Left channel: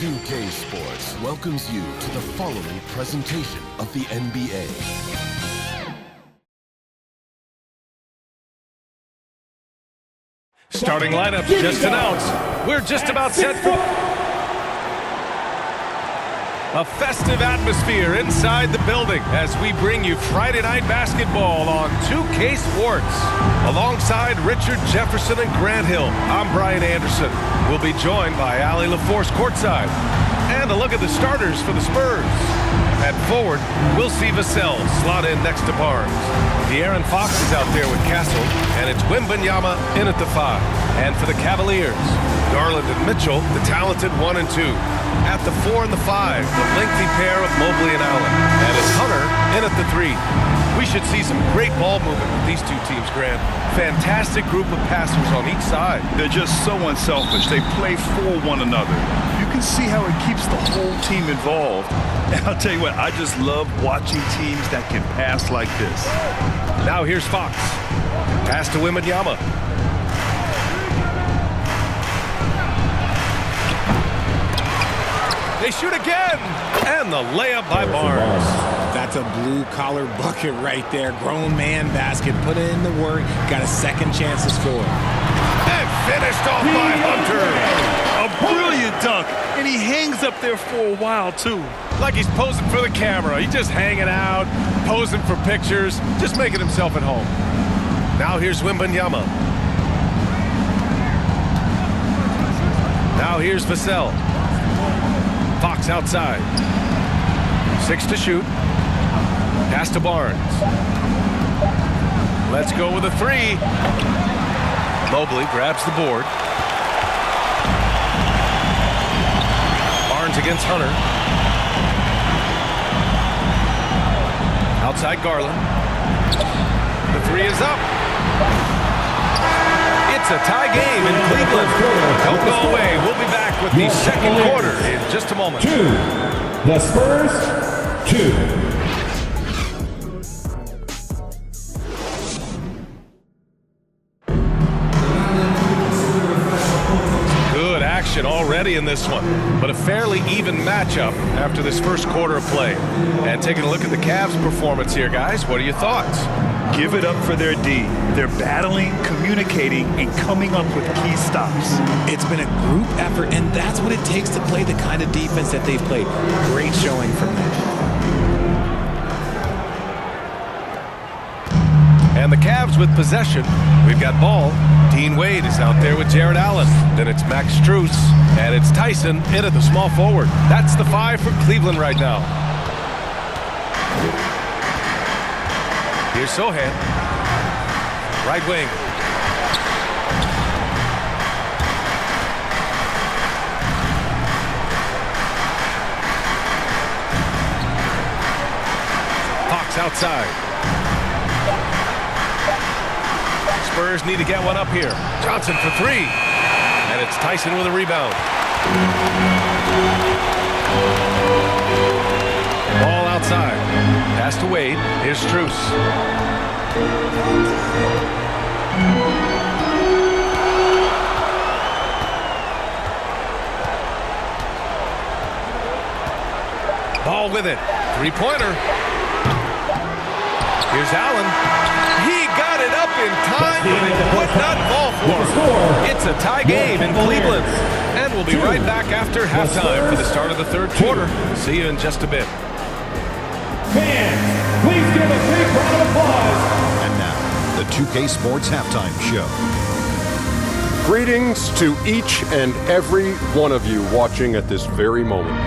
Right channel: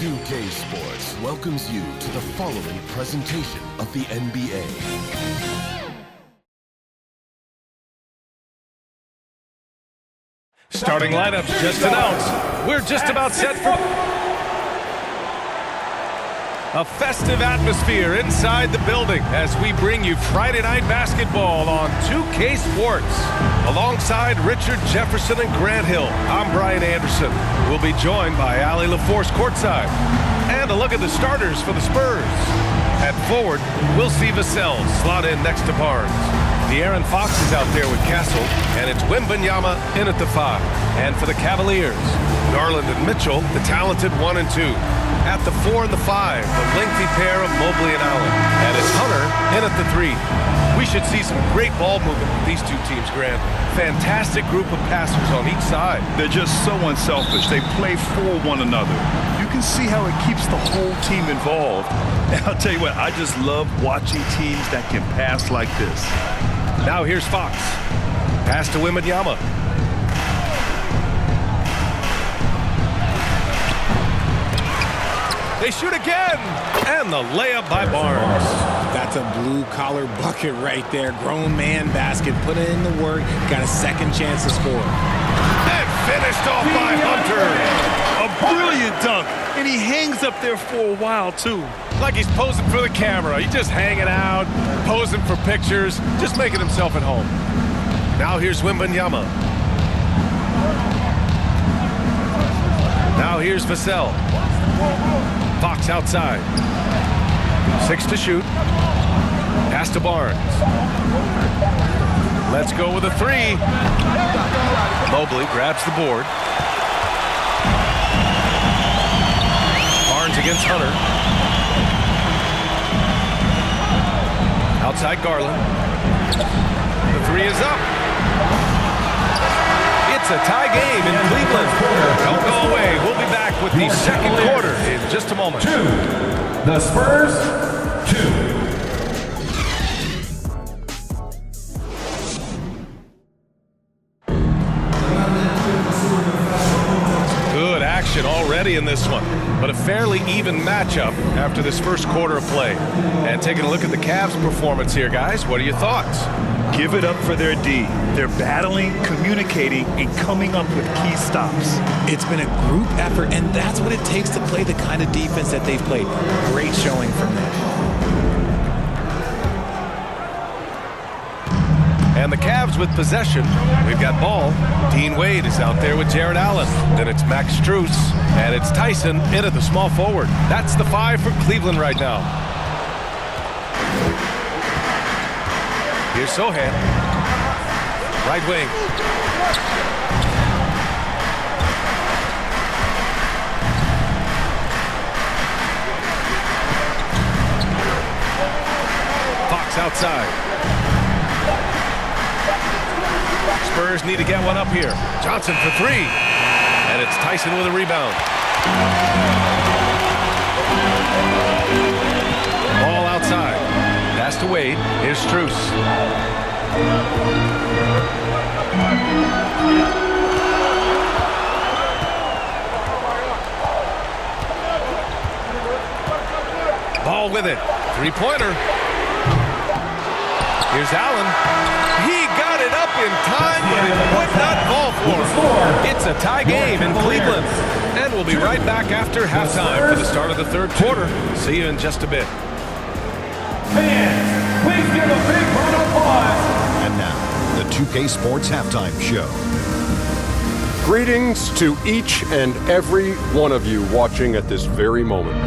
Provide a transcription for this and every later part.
2K Sports welcomes you to the following presentation of the NBA. Starting lineups just announced. We're just about set for a festive atmosphere inside the building as we bring you Friday Night Basketball on 2K Sports. Alongside Richard Jefferson and Grant Hill, I'm Brian Anderson. We'll be joined by Ali LaForce courtside. And a look at the starters for the Spurs. At forward, we'll see Vassell slot in next to Barnes. De'Aaron Fox is out there with Castle, and it's Wembanyama in at the 5. And for the Cavaliers, Garland and Mitchell, the talented 1 and 2. At the 4 and the 5, the lengthy pair of Mobley and Allen. And it's Hunter in at the 3. We should see some great ball movement with these two teams, Grant. Fantastic group of passers on each side. They're just so unselfish. They play for one another. You can see how it keeps the whole team involved. And I'll tell you what, I just love watching teams that can pass like this. Now here's Fox. Pass to Wembanyama. They shoot again! And the layup by Barnes. That's a blue-collar bucket right there. Grown man basket. Put in the work. Got a second chance to score. And finished off by Hunter. A brilliant dunk. And he hangs up there for a while, too. Like he's posing for the camera. He's just hanging out, posing for pictures, just making himself at home. Now here's Wembanyama. Now here's Vassell. Fox outside. 6 to shoot. Pass to Barnes. Let's go with a 3. Mobley grabs the board. Barnes against Hunter. Outside Garland. The 3 is up. It's a tie game in Cleveland. Don't go away. We'll be back with the second quarter in just a moment. 2. The Spurs, 2. Good action already in this one, but a fairly even matchup after this first quarter of play. And taking a look at the Cavs' performance here, guys, what are your thoughts? Give it up for their D. They're battling, communicating, and coming up with key stops. It's been a group effort, and that's what it takes to play the kind of defense that they've played. Great showing from them. And the Cavs with possession. We've got ball. Dean Wade is out there with Jared Allen. Then it's Max Strus, and it's Tyson in at the small forward. That's the 5 for Cleveland right now. Here's Sohan. Right wing. Fox outside. Spurs need to get one up here. Johnson for 3. And it's Tyson with a rebound. Ball outside. Pass to Wade. Here's Strus. Ball with it. 3-pointer. Here's Allen. He got it up in time, but it would not fall for him. It's a tie game in Cleveland. And we'll be right back after halftime for the start of the third quarter. See you in just a bit. Fans, please give a big round of applause. And now, the 2K Sports Halftime Show. Greetings to each and every one of you watching at this very moment.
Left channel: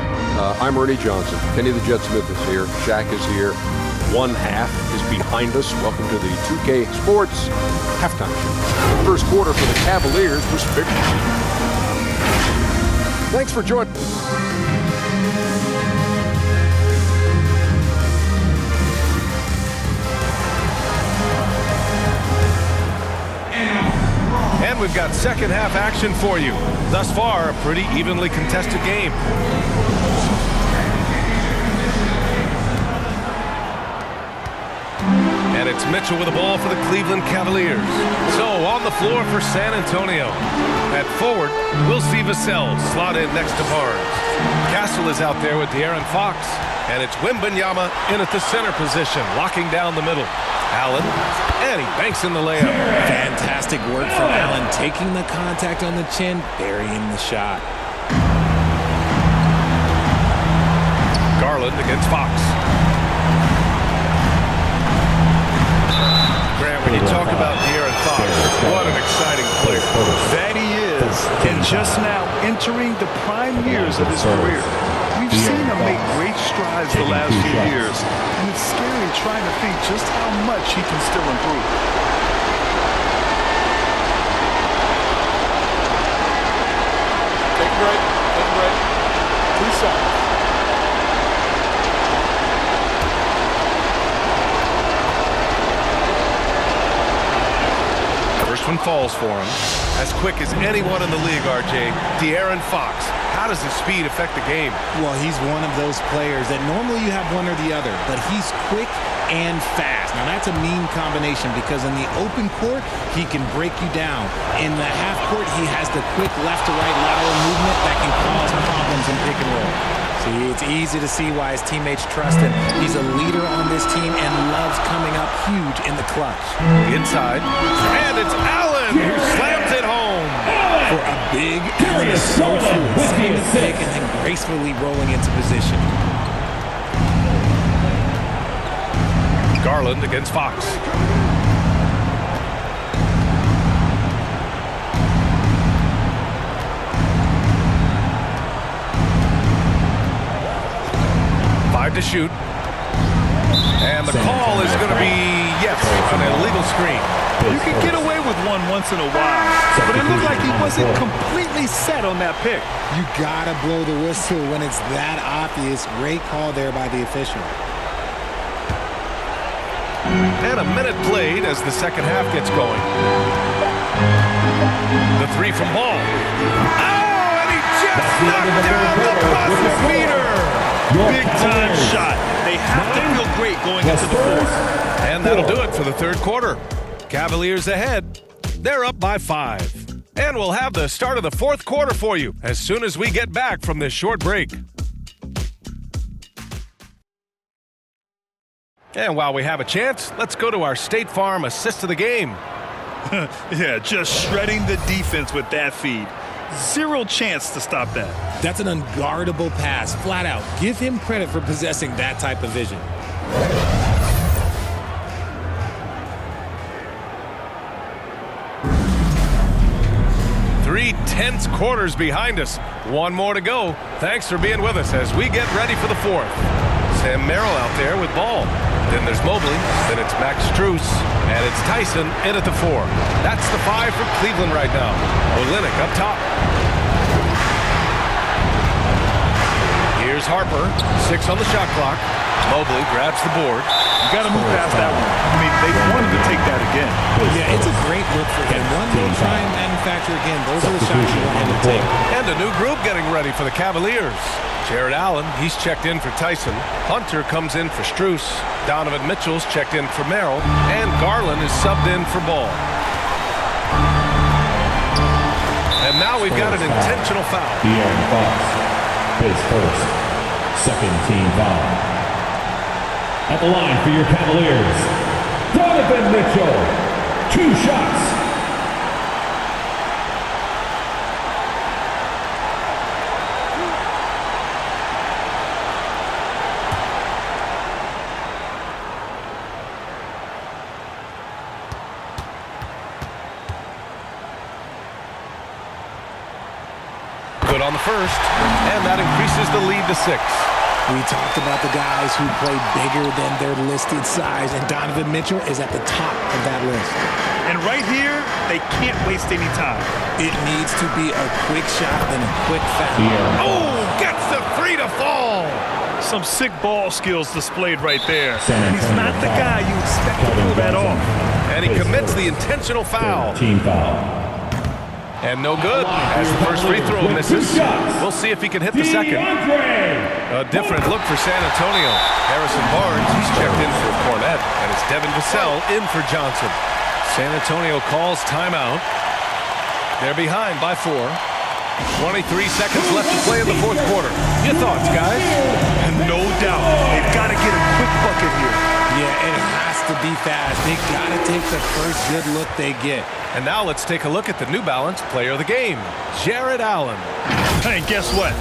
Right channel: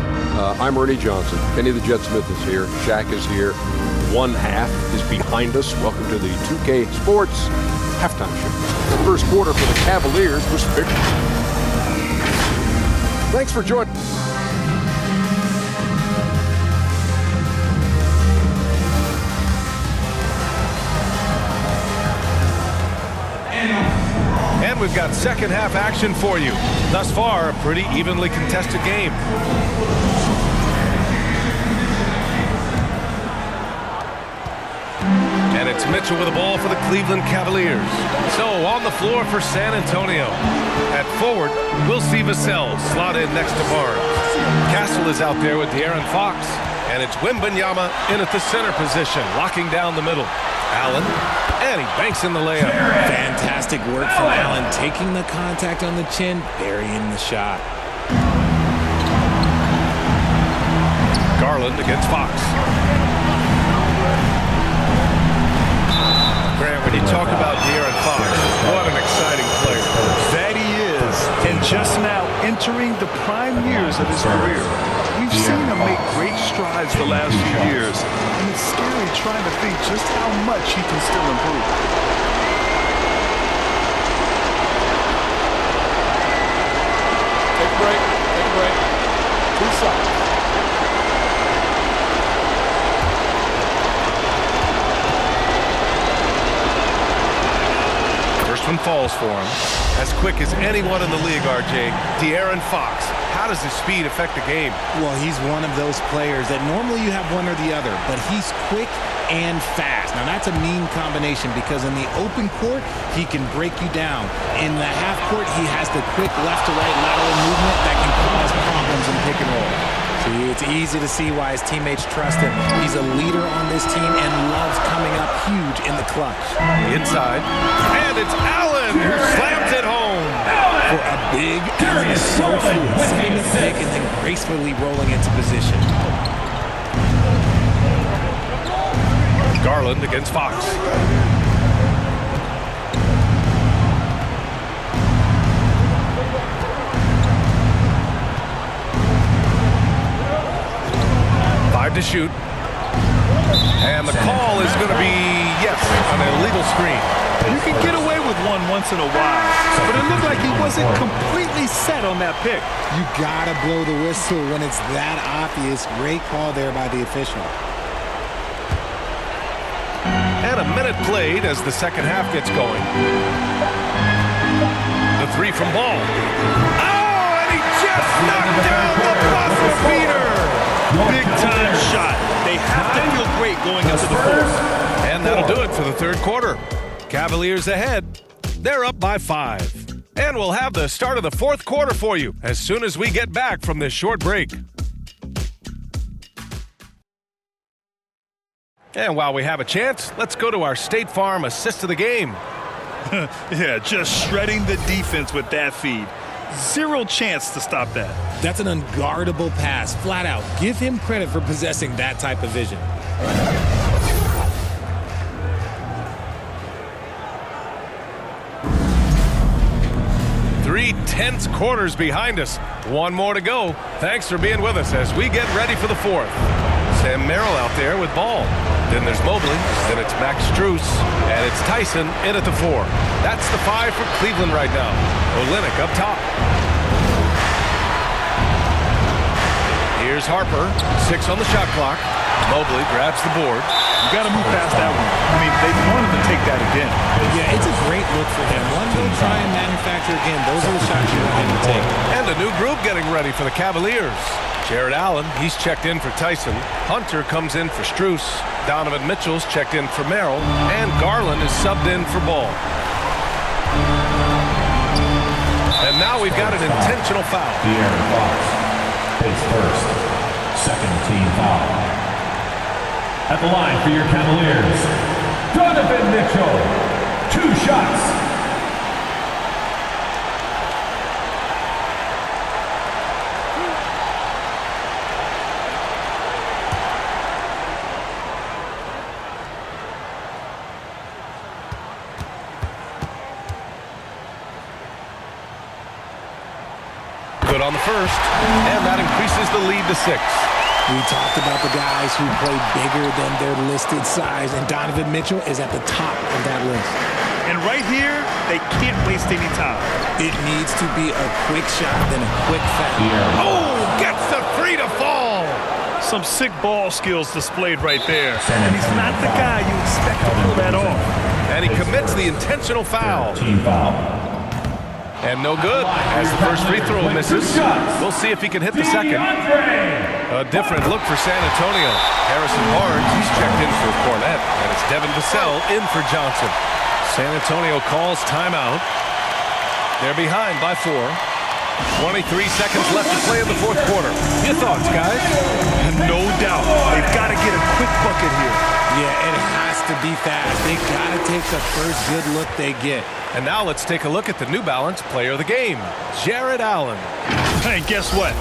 I'm Ernie Johnson. Kenny the Jet Smith is here. Shaq is here. One half is behind us. Welcome to the 2K Sports Halftime Show. The first quarter for the Cavaliers was finished. Thanks for joining. And we've got second half action for you. Thus far, a pretty evenly contested game. And it's Mitchell with the ball for the Cleveland Cavaliers. So on the floor for San Antonio. At forward, we'll see Vassell slot in next to Barnes. Castle is out there with De'Aaron Fox. And it's Wembanyama in at the center position, locking down the middle. Allen, and he banks in the layup. Fantastic work from Allen, taking the contact on the chin, burying the shot. Garland against Fox. Grant, when you talk about De'Aaron Fox, what an exciting player. That he is, and just now entering the prime years of his career. We've seen him make great strides the last few years, and it's scary trying to think just how much he can still improve. Take a break. Take a break. 2 shots. First one falls for him. As quick as anyone in the league, RJ. De'Aaron Fox. How does his speed affect the game? Well, he's one of those players that normally you have one or the other, but he's quick and fast. Now, that's a mean combination because in the open court, he can break you down. In the half court, he has the quick left to right lateral movement that can cause problems in pick and roll. See, it's easy to see why his teammates trust him. He's a leader on this team and loves coming up huge in the clutch. Inside, and it's Allen who slams it home. For a big, Allen is so fluid, setting the pick and then gracefully rolling into position. Garland against Fox. To shoot, and the call is going to be yes, an illegal screen. You can get away with one once in a while, but it looked like he wasn't completely set on that pick. You gotta blow the whistle when it's that obvious. Great call there by the official. And a minute played as the second half gets going. The three from Ball. Oh, and he just knocked down the buzzer beater. Big time shot. They have to feel great going into the fourth. And that'll do it for the third quarter. Cavaliers ahead. They're up by 5. And we'll have the start of the fourth quarter for you as soon as we get back from this short break. And while we have a chance, let's go to our State Farm assist of the game. Yeah, just shredding the defense with that feed. Zero chance to stop that. That's an unguardable pass, flat out. Give him credit for possessing that type of vision. Three tense quarters behind us. One more to go. Thanks for being with us as we get ready for the fourth. Sam Merrill out there with Ball. Then there's Mobley. Then it's Max Strus. And it's Tyson in at the 4. That's the 5 for Cleveland right now. Olynyk up top. Here's Harper. 6 on the shot clock. Mobley grabs the board. You got to move past that one. I mean, they wanted to take that again. Yeah, it's a great look for him. One they'll try and manufacture again. Those are the shots you want him to take. And a new group getting ready for the Cavaliers. Jared Allen, he's checked in for Tyson. Hunter comes in for Strus. Donovan Mitchell's checked in for Merrill. And Garland is subbed in for Ball. And now we've got an intentional foul. De'Aaron Fox, his first, second team foul. At the line for your Cavaliers, Donovan Mitchell, 2 shots. Good on the first, and that increases the lead to 6. We talked about the guys who played bigger than their listed size, and Donovan Mitchell is at the top of that list. And right here, they can't waste any time. It needs to be a quick shot, then a quick foul. Oh, gets the 3 to fall. Some sick ball skills displayed right there. And he's not the guy you expect to pull that off. And he commits the intentional foul. Team foul. And no good, as the first free throw misses. We'll see if he can hit the second. A different look for San Antonio. Harrison Barnes, he's checked in for Cornette, and it's Devin Vassell in for Johnson. San Antonio calls timeout. They're behind by 4. 23 seconds left to play in the fourth quarter. Your thoughts, guys? No doubt. They've got to get a quick bucket here. Yeah, it has to be fast. They got to take the first good look they get. And now let's take a look at the New Balance player of the game, Jared Allen. And guess what?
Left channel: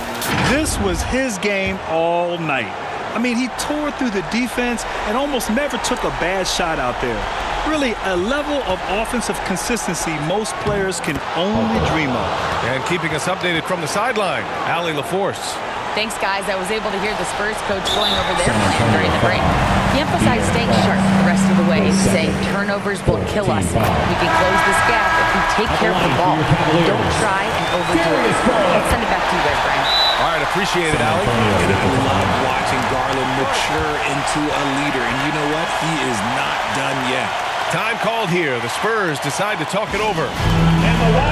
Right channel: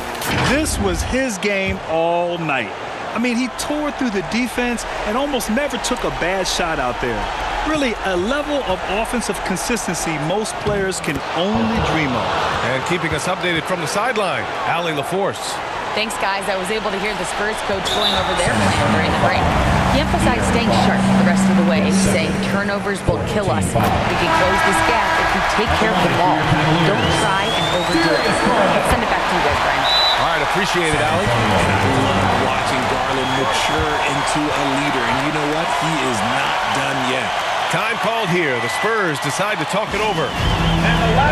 This was his game all night. I mean, he tore through the defense and almost never took a bad shot out there. Really, a level of offensive consistency most players can only dream of. And keeping us updated from the sideline, Allie LaForce. Thanks, guys. I was able to hear the Spurs coach going over their plan during the break. He emphasized staying sharp the rest of the way, saying turnovers will kill us. We can close this gap if we take care of the ball. Don't try and overdo it. Let's send it back to you guys, Brian. All right, appreciate it, Allie. And I love watching Garland mature into a leader. And you know what? He is not done yet. Time called here. The Spurs decide to talk it over.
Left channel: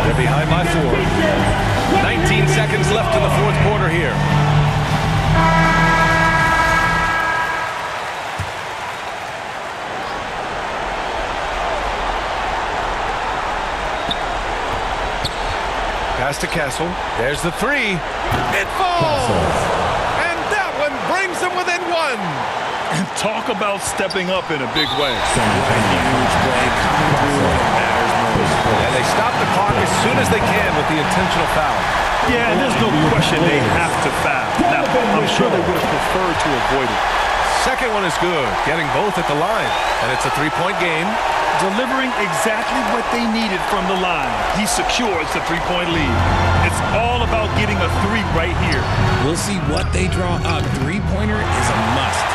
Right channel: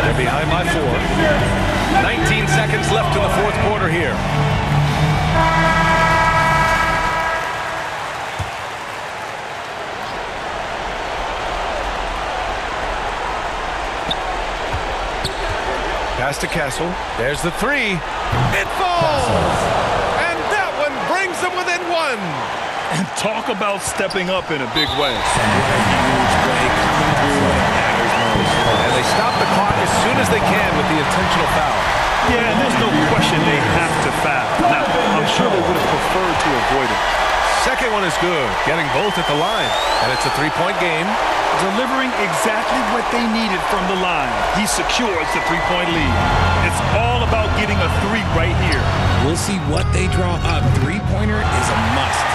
They're behind by 4. 19 seconds left in the fourth quarter here. Pass to Castle. There's the 3. It falls! And that one brings them within 1. And talk about stepping up in a big way. What a huge play coming through when it matters most. And they stop the clock as soon as they can with the intentional foul. Yeah, and there's no question they have to foul. Now, I'm sure they would have preferred to avoid it. Second one is good, getting both at the line. And it's a 3-point game. Delivering exactly what they needed from the line. He secures the 3-point lead. It's all about getting a 3 right here. We'll see what they draw up. 3-pointer is a must.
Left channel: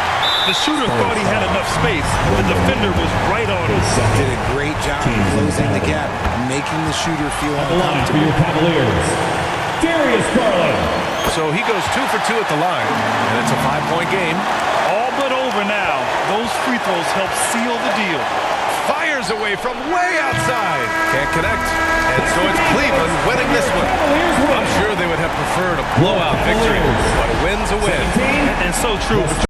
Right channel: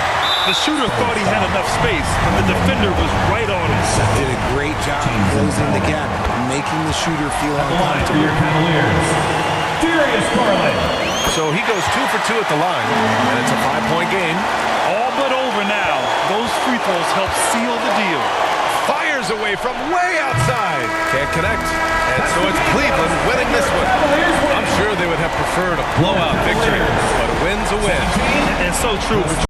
The shooter thought he had enough space, but the defender was right on him. Did a great job closing the gap, making the shooter feel At the line for your uncomfortable. Cavaliers, Darius Garland. So he goes 2 for 2 at the line, and it's a 5-point game. All but over now. Those free throws help seal the deal. Fires away from way outside. Can't connect. And so it's Cleveland winning this one. I'm sure they would have preferred a blowout victory, but a win's a win. And so true.